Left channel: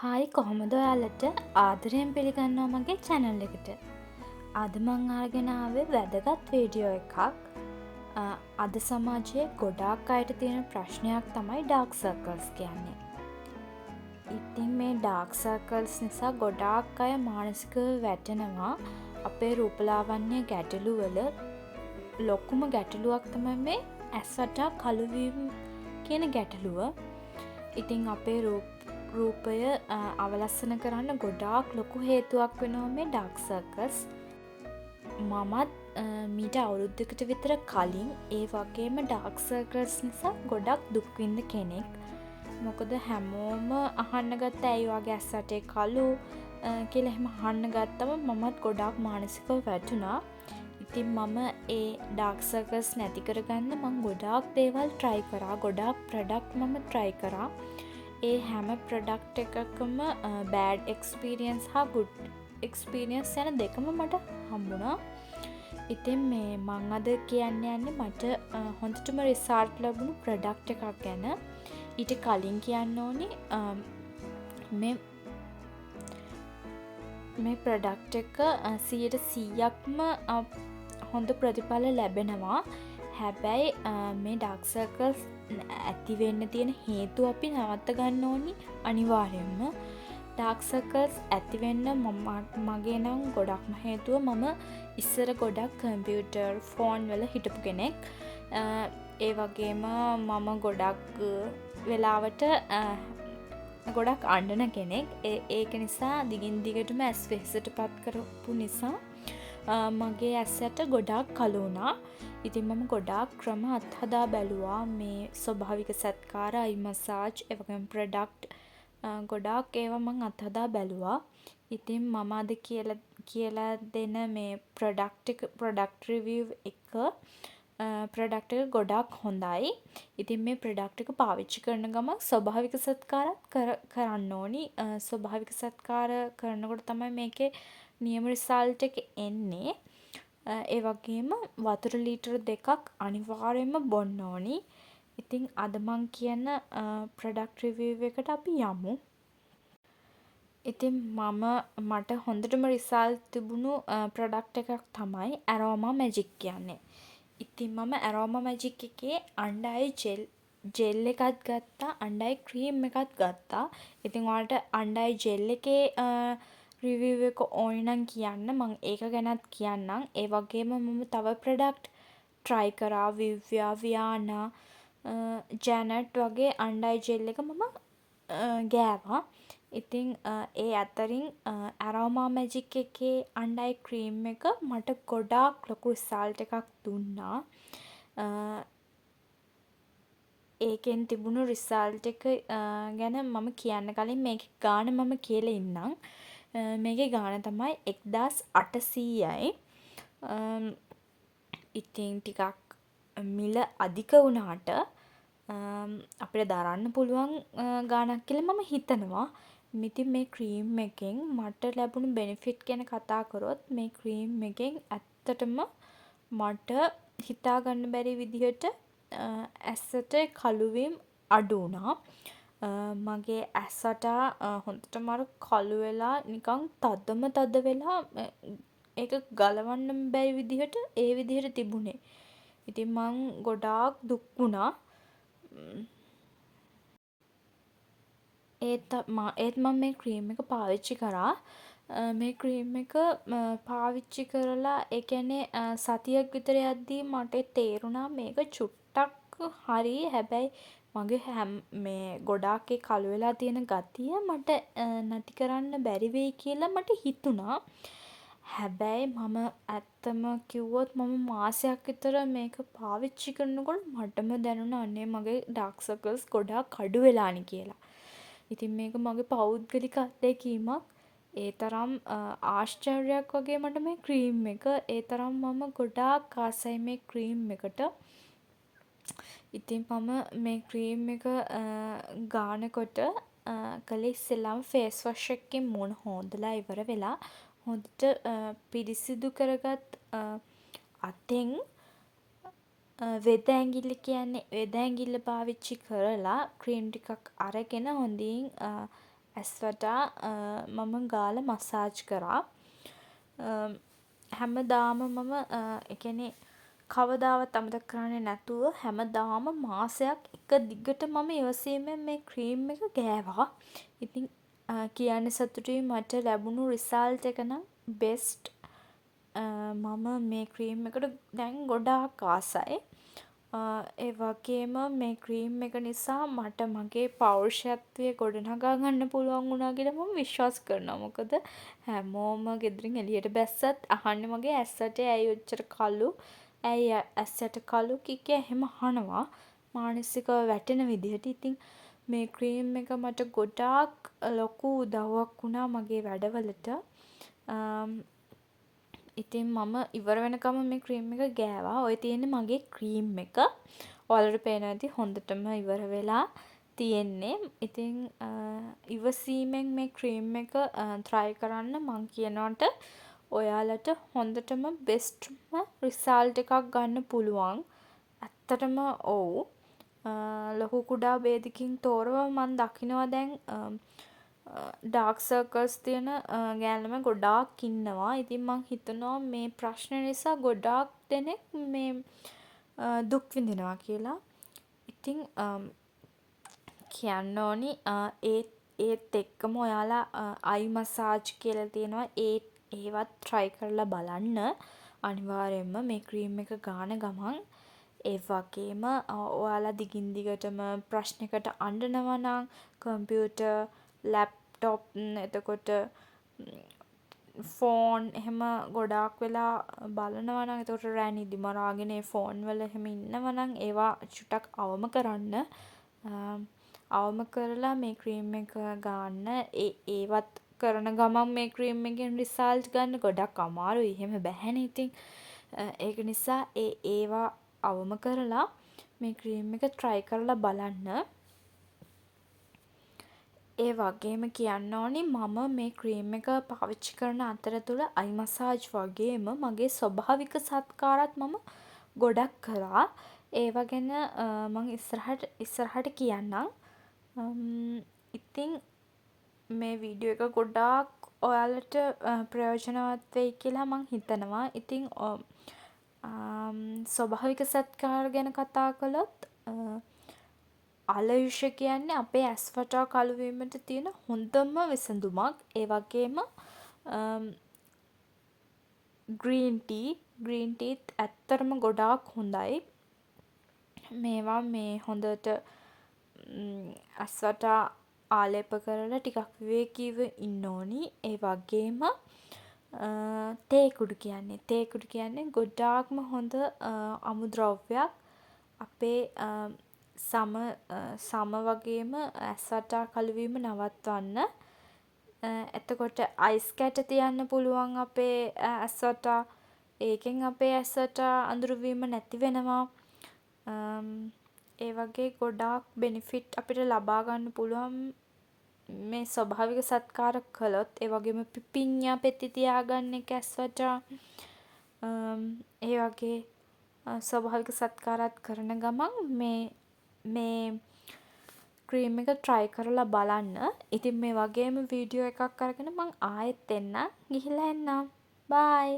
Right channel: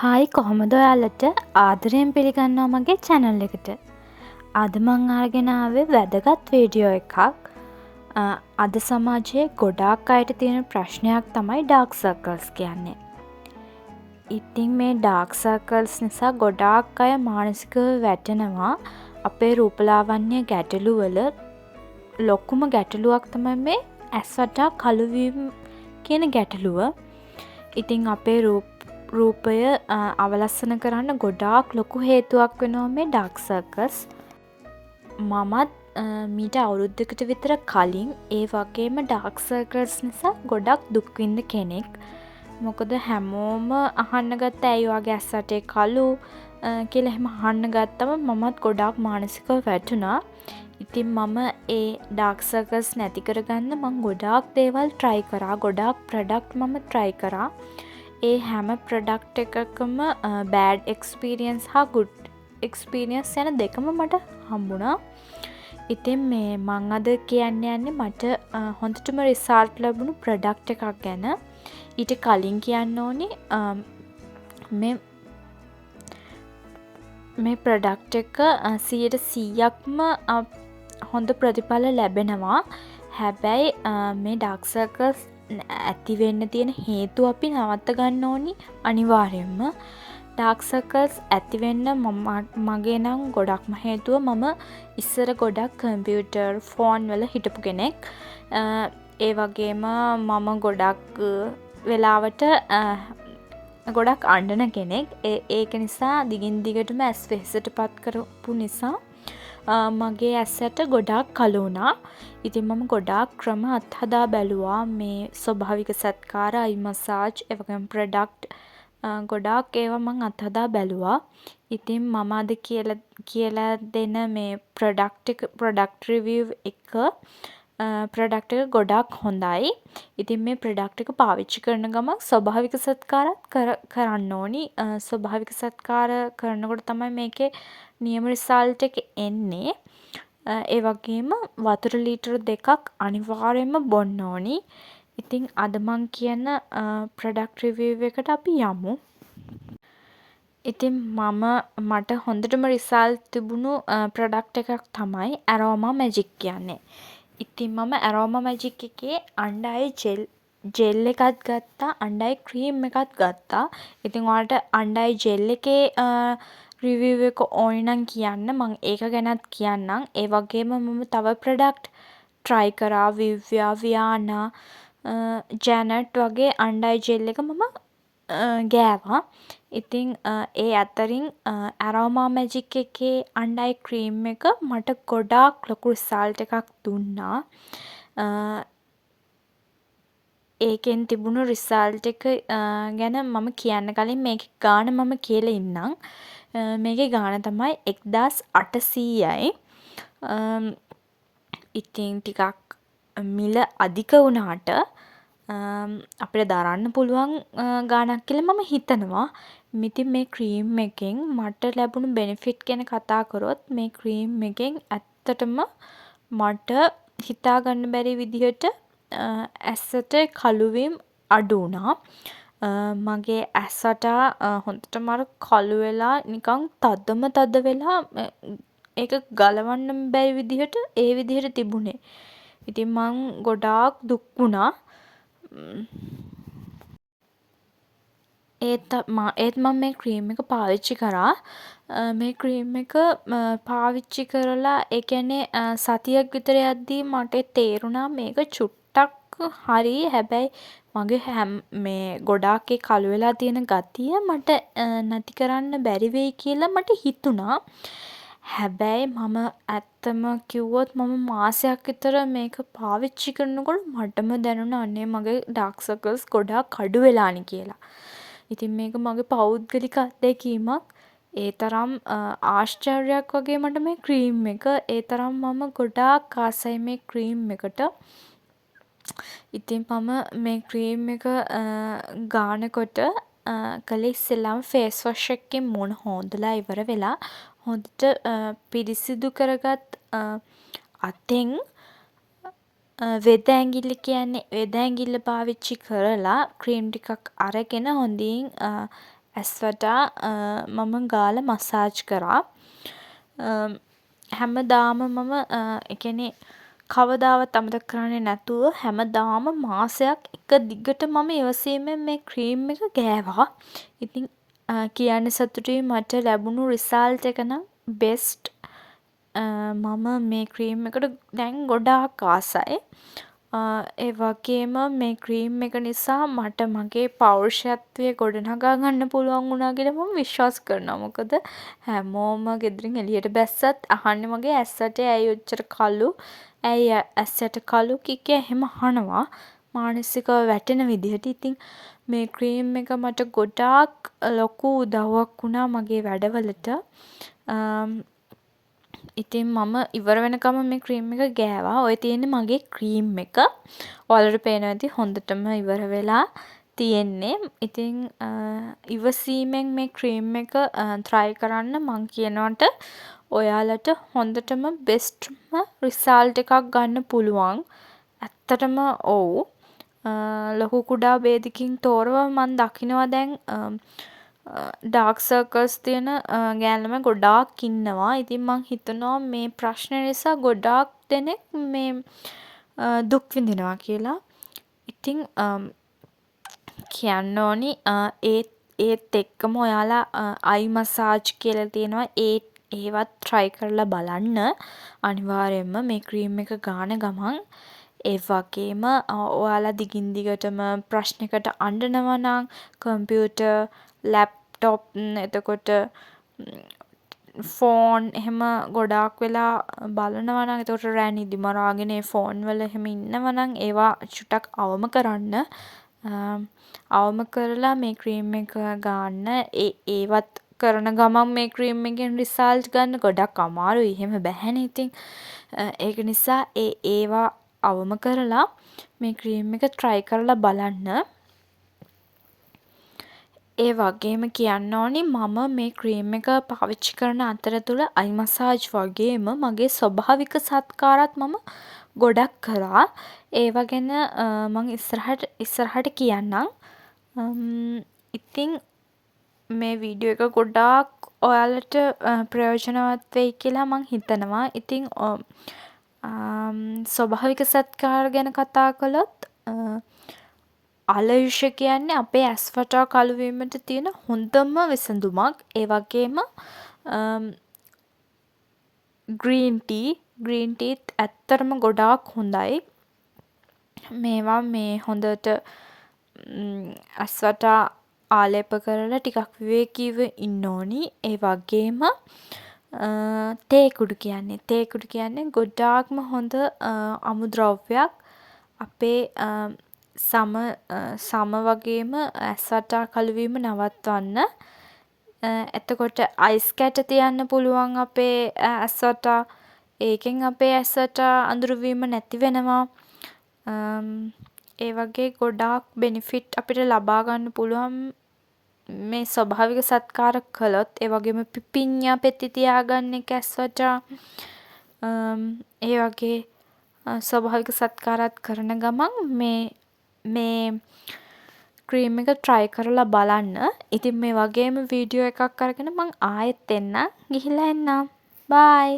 Hi කොහොමද ඔයාලට ආදරයෙන් පිළිගන්නවා මගේ චැනල් එකට. අද මං අරගෙන ආවේ වැදගත් වීඩියෝ එකක්. අද සමාජයේ ගොඩාක් අයට තියෙන ප්‍රශ්නයක් තමයි ඩාර්ක් සර්කල්ස් කියන්නේ. ඉතින් මේ ඩාර්ක් සර්කල්ස් නිසා ගොඩාක් අය මානසිකව වැටෙනවා. අපේ රූපලාවන්‍ය ගැටලුවල ලොකුම ගැටලුවක් තමයි මේ ඇස් වටා කළුවීම කියන ගැටලුව. ඉතින් අපේ රූපය අවලස්සන කරන්න ගොඩාක් ලොකු හේතුවක් වෙනවා මේ ඩාර්ක් සර්කල්ස්. මමත් මීට අවුරුද්දකට විතර කලින් ඒ වගේම ඩාර්ක් සර්කල්ස් නිසා ගොඩක් දුක්විඳ කෙනෙක්. මොකද හැමෝම අහන්න ගත්ත ඇයි වගේ ඇස් වටේ කළු කියලා එහෙම අහන්න ගත්තම මමත් ගොඩාක් මානසිකව වැටුණා. ඉතින් මම ඒ ඩාර්ක් සර්කල්ස් නැති කරගන්න මං ගොඩාක් දේවල් try කරා. ගොඩාක් ප්‍රොඩක්ට් මම try කරා. ඒ හැම ප්‍රොඩක්ට් එකකම බෑඩ් එක්ස්පීරියන්ස් හා ගුඩ් එක්ස්පීරියන්ස් යන දෙකම මට හම්බුණා. ඉතින් මේ මං අද කියන්න යන්නේ මට හොඳටම රිසල්ට් ලැබුණු ප්‍රොඩක්ට් එකක් ගැන. ඊට කලින් කියන්න ඕනි මේ ප්‍රොඩක්ට් එක 100%ක්ම හොඳ ප්‍රතිඵල ලැබෙනවා. හැබැයි මේ ඩාර්ක් සර්කල්ස් ඇතිවෙන්න තියෙන හේතු අපි නවත්ත ගන්න ඕනි අනිවාර්යෙන්ම. ඩාර්ක් සර්කල්ස් ඇතිවෙන්න මගේ නම් ගොඩක්ම හේතුව මම ඉස්සර ගොඩක් කම්පියුටර් ෆෝන් වල හිටපු කෙනෙක්. ඒ වගේම මම ගොඩක් වෙලාවට ගොඩක් අඬන කෙනෙක්. ඒක නිසා දිගින් දිගටම ඇස් වෙහෙසට පත් කරපු නිසා මගේ ඇස්සට ගොඩාක් කළු වුණා. ඉතින් මම ගොඩාක් ක්‍රම අත්හදා බැලුවා. මේ ස්වභාවික සත්කාර, අයි මසාජ්, ඒ වගේම ප්‍රොඩක්ට් ගොඩාක් ඒවා මං අත්හදා බැලුවා. ඉතින් මම අද කියලා දෙන මේ ප්‍රොඩක්ට් රිවිව් එක ප්‍රොඩක්ට් එක ගොඩාක් හොඳයි. ඉතින් මේ ප්‍රොඩක්ට් එක පාවිච්චි කරන ගමන් ස්වභාවික සත්කාරත් කරන්න ඕනි. ස්වභාවික සත්කාර කරනකොට තමයි මේකේ නියම රිසල්ට් එක එන්නේ. ඒ වගේම වතුර ලීටර් 2ක් අනිවාර්යෙන්ම බොන්න ඕනි. ඉතින් අද මං කියන ප්‍රොඩක්ට් රිවිව් එකට අපි යමු. ඉතින් මට හොඳටම රිසල්ට් තිබුණු ප්‍රොඩක්ට් එකක් තමයි ඇරෝමා මැජික් කියන්නේ. ඉතින් මම ඇරෝමා මැජික් එකේ අන්ඩර් අයි ජෙල් එකත් ගත්තා, අන්ඩර් අයි ක්‍රීම් එකත් ගත්තා. ඉතින් ඔයාලට අන්ඩර් අයි ජෙල් එකේ රිවිව් එක ඕනි නම් කියන්න, මං ඒක ගැනත් කියන්නම්. ඒ වගේම මම තව ප්‍රොඩක්ට් try කරා. විව්‍යා, වියානා, ජැනට් වගේ අන්ඩර් අයි ජෙල් එක මම ගෑවා. ඉතින් ඒ අතරින් ඇරෝමා මැජික් එකේ අන්ඩර් අයි ක්‍රීම් එක මට ගොඩාක් ලොකු රිසල්ට් එකක් දුන්නා. ඒකෙන් තිබුණු රිසල්ට් එක ගැන මම කියන්න කලින් මේකේ ගාණ මම කියලා ඉන්නම්. මේකේ ගාණ තමයි 1800යි. ඉතින් ටිකක් මිල අධික වුණාට අපිට දරන්න පුළුවන් ගාණක් කියලා මම හිතනවා. ඉතින් මේ ක්‍රීම් එකෙන් මට ලැබුණු බෙනිෆිට් ගැන කතා කරොත් මේ ක්‍රීම් එකෙන් ඇත්තටම මට හිතා ගන්න බැරි විදිහට ඇසට කළුවීම් අඩු වුණා. මගේ ඇස් වටා හොඳටම අර කළු වෙලා නිකන් තද වෙලා ඒක ගලවන්න බැරි විදිහට ඒ විදිහට තිබුණේ. ඉතින් මං ගොඩාක් දුක් වුණා. ඒත් මම මේ ක්‍රීම් එක පාවිච්චි කරා. මේ ක්‍රීම් එක පාවිච්චි කරලා ඒ කියන්නේ සතියක් විතර යද්දී මට තේරුණා මේක චුට්ටක් හරි. හැබැයි මගේ මේ ගොඩාක් ඒ කළු වෙලා තියෙන ගතිය මට නැති කරන්න බැරි වෙයි කියලා මට හිතුණා. හැබැයි මම ඇත්තම කිව්වොත් මම මාසයක් විතර මේක පාවිච්චි කරනකොට මටම දැනුණා අනේ මගේ ඩාර්ක් සර්කල්ස් ගොඩාක් අඩු වෙලානේ කියලා. ඉතින් මේක මගේ පෞද්ගලික අත්දැකීමක්. ඒ තරම් ආශ්චර්යයක් වගේ මට මේ ක්‍රීම් එක. ඒ තරම් මම ගොඩාක් ආසයි මේ ක්‍රීම් එකට. ඉතින් මම මේ ක්‍රීම් එක ගානකොට කළේ ඉස්සෙල්ලාම ෆේස් වොෂ් එකකින් මූණ හොදලා ඉවර වෙලා හොඳට පිරිසිදු කරගත් අතෙන් වෙද ඇඟිල්ල කියන්නේ වෙද ඇඟිල්ල පාවිච්චි කරලා ක්‍රීම් ටිකක් අරගෙන හොඳින් ඇස් වටා මම ගාලා මසාජ් කරා. හැමදාම මම ඒ කියන්නේ කවදාවත් අමතක කරන්නේ නැතුව හැමදාම මාසයක් එක දිගට මම ඉවසීමෙන් මේ ක්‍රීම් එක ගෑවා. ඉතින් කියන්න සතුටුයි මට ලැබුණු රිසල්ට් එක නම් බෙස්ට්. මම මේ ක්‍රීම් එකට දැන් ගොඩාක් ආසයි. ඒ වගේම මේ ක්‍රීම් එක නිසා මට මගේ පෞරුෂත්වය ගොඩනගා ගන්න පුළුවන් වුණා කියලා මම විශ්වාස කරනවා. මොකද හැමෝම ගෙදරින් එළියට බැස්සත් අහන්නේ මගේ ඇස් ඇටේ ඇයි ඔච්චර කළු? ඇයි ඇස් ඇට කළු කික එහෙම අහනවා. මානසිකව වැටෙන විදිහට. ඉතින් මේ ක්‍රීම් එක මට ගොඩාක් ලොකු උදව්වක් වුණා මගේ වැඩවලට. ඉතින් මම ඉවර වෙනකම් මේ ක්‍රීම් එක ගෑවා. ඔය තියෙන්නේ මගේ ක්‍රීම් එක. ඔයාලට පේනවා ඇති හොඳටම ඉවර වෙලා තියෙන්නේ. ඉතින් ඉවසීමෙන් මේ ක්‍රීම් එක try කරන්න මං කියනවට ඔයාලට හොඳටම බෙස්ට්ම රිසල්ට් එකක් ගන්න පුළුවන්. ඇත්තටම ඔව්. ලොකු කුඩා ભેදකින් තොරව මම දකිනවා දැන් ඩාර්ක් සර්කල්ස් තියෙන ගෑනු ළමයි ගොඩාක් ඉන්නවා. ඉතින් මං හිතනවා මේ ප්‍රශ්නේ නිසා ගොඩාක් දෙනෙක් මේ දුක් විඳිනවා කියලා. ඉතින් කියන්න ඕනි ඒත් එක්කම ඔයාලා අයි මසාජ් කියලා තියෙනවා. ඒවත් try කරලා බලන්න. අනිවාර්යයෙන්ම මේ ක්‍රීම් එක ගාන ගමන් ඒ වගේම ඔයාලා දිගින් දිගටම ප්‍රශ්නයකට අඬනවා නම් කම්පියුටර්, ලැප්ටොප්, එතකොට ෆෝන් එහෙම ගොඩාක් වෙලා බලනවා නම් එතකොට රෑ නිදි මරාගෙන ඒ ෆෝන් වල එහෙම ඉන්නවා නම් ඒවා චුට්ටක් අවම කරන්න. අවම කරලා මේ ක්‍රීම් එක ගන්න. ඒවත් කරන ගමන් මේ ක්‍රීම් එකෙන් රිසල්ට් ගන්න ගොඩක් අමාරුයි. එහෙම බැහැනේ ඉතින්. ඒක නිසා ඒවා අවම කරලා මේ ක්‍රීම් එක try කරලා බලන්න. ඒ වගේම කියන්න ඕනි මම මේ ක්‍රීම් එක පාවිච්චි කරන අතරතුර අයි මසාජ් වගේම මගේ ස්වභාවික සත්කාරත් මම ගොඩක් කරා. ඒවා ගැන මං ඉස්සරහට කියන්නම්. ඉතින් මේ වීඩියෝ එක ගොඩාක් ඔයාලට ප්‍රයෝජනවත් වෙයි කියලා මං හිතනවා. ඉතින් ස්වභාවික සත්කාර ගැන කතා කළොත් ආලයුෂ කියන්නේ අපේ ඇස් වටා කළු වීමට තියෙන හොඳම විසඳුමක්. ඒ වගේම ග්‍රීන් ටීත් ඇත්තටම ගොඩාක් හොඳයි. මේවා මේ හොඳට ඇස් වටා ආලේප කරලා ටිකක් විවේකීව ඉන්න ඕනි. ඒ වගේම තේ කුඩු කියන්නේ ගොඩාක්ම හොඳ අමුද්‍රව්‍යයක්. අපේ සම වගේම ඇස් වටා කළු වීම නවත්වන්න. එතකොට අයිස් කැට තියන්න පුළුවන් අපේ ඇස් වටා. ඒකෙන් අපේ ඇස් වටා අඳුරු වීම නැති වෙනවා. ඒ වගේ ගොඩාක් බෙනිෆිට් අපිට ලබා ගන්න පුළුවන් මේ ස්වභාවික සත්කාර කළොත්. ඒ වගේම පිපිඤ්ඤා පෙත්ති තියාගන්න එක ඇස් වටා. ඒ වගේ ස්වභාවික සත්කාරات කරන ගමන් මේ ක්‍රීම් එක try කරලා බලන්න. ඉතින් මේ වගේම වීඩියෝ එකක් අරගෙන මං ආයෙත් එන්නම්. ගිහිල්ලා එන්නම්. bye.